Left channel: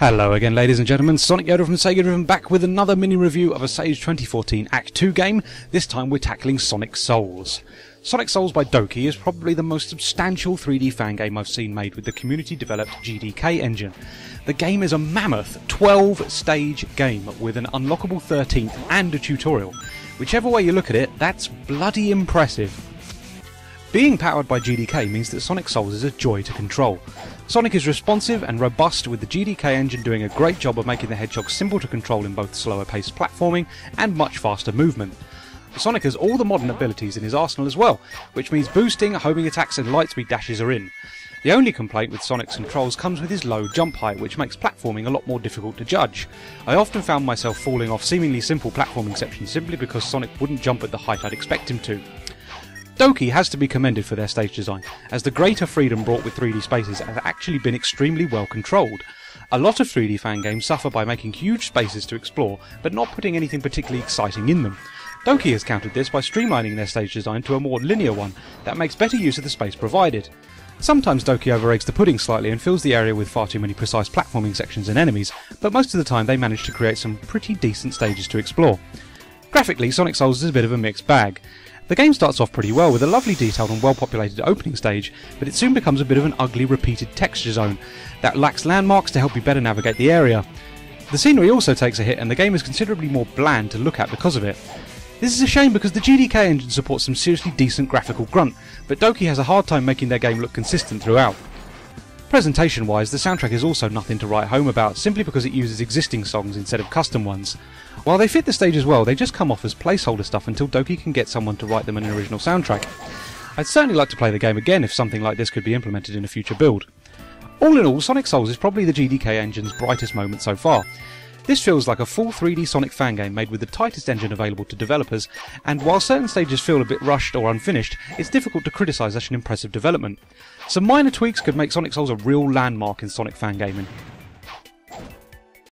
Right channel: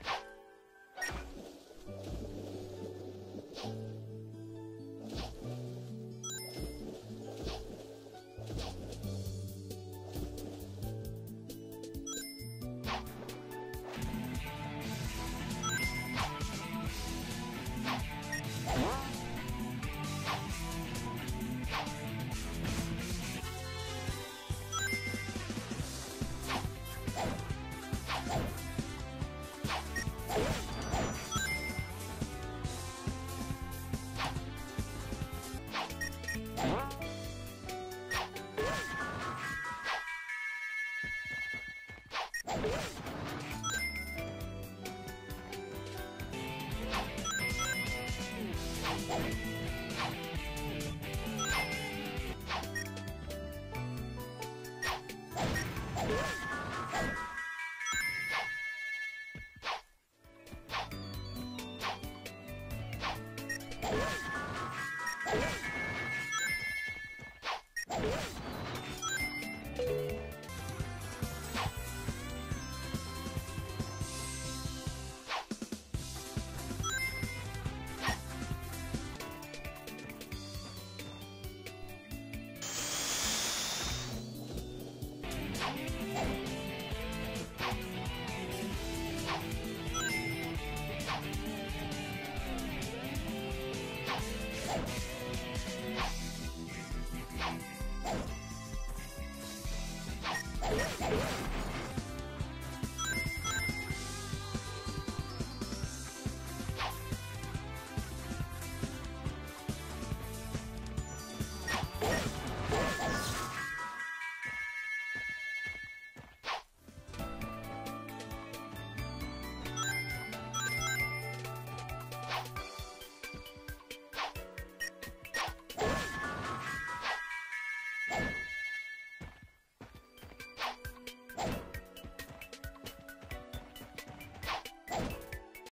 Hello again, ladies and gentlemen, Sonic Yoda from SEGADriven back with another mini review of a Sage 2014 Act 2 game. This time we're tackling Sonic Souls. Sonic Souls by Doky is probably the most substantial 3D fan game I've seen made with the community developed GDK engine. The game is a mammoth 12-stage game with an unlockable 13th and a tutorial. Whichever way you look at it, that's bloody impressive. Being powered by GDK means that Sonic Souls is a joy to control. Sonic is responsive and robust, with the GDK engine doing a great job of making the Hedgehog simple to control in both slower paced platforming and much faster movement. Sonic has all the modern abilities in his arsenal as well, which means boosting, homing attacks and lightspeed dashes are in. The only complaint with Sonic's controls comes with his low jump height, which makes platforming a lot more difficult to judge. I often found myself falling off seemingly simple platforming sections simply because Sonic wouldn't jump at the height I'd expect him to. Doky has to be commended for their stage design, as the greater freedom brought with 3D spaces have actually been extremely well controlled. A lot of 3D fan games suffer by making huge spaces to explore, but not putting anything particularly exciting in them. Doky has countered this by streamlining their stage design to a more linear one that makes better use of the space provided. Sometimes Doky overeggs the pudding slightly and fills the area with far too many precise platforming sections and enemies, but most of the time they manage to create some pretty decent stages to explore. Graphically, Sonic Souls is a bit of a mixed bag. The game starts off pretty well with a lovely detailed and well populated opening stage, but it soon becomes a bit of an ugly repeated texture zone that lacks landmarks to help you better navigate the area. The scenery also takes a hit and the game is considerably more bland to look at because of it. This is a shame because the GDK engine supports some seriously decent graphical grunt, but Doky has a hard time making their game look consistent throughout. Presentation wise, the soundtrack is also nothing to write home about, simply because it uses existing songs instead of custom ones. While they fit the stage as well, they just come off as placeholder stuff until Doky can get someone to write them an original soundtrack. I'd certainly like to play the game again if something like this could be implemented in a future build. All in all, Sonic Souls is probably the GDK engine's brightest moment so far. This feels like a full 3D Sonic fan game made with the tightest engine available to developers, and while certain stages feel a bit rushed or unfinished, it's difficult to criticise such an impressive development. Some minor tweaks could make Sonic Souls a real landmark in Sonic fan gaming.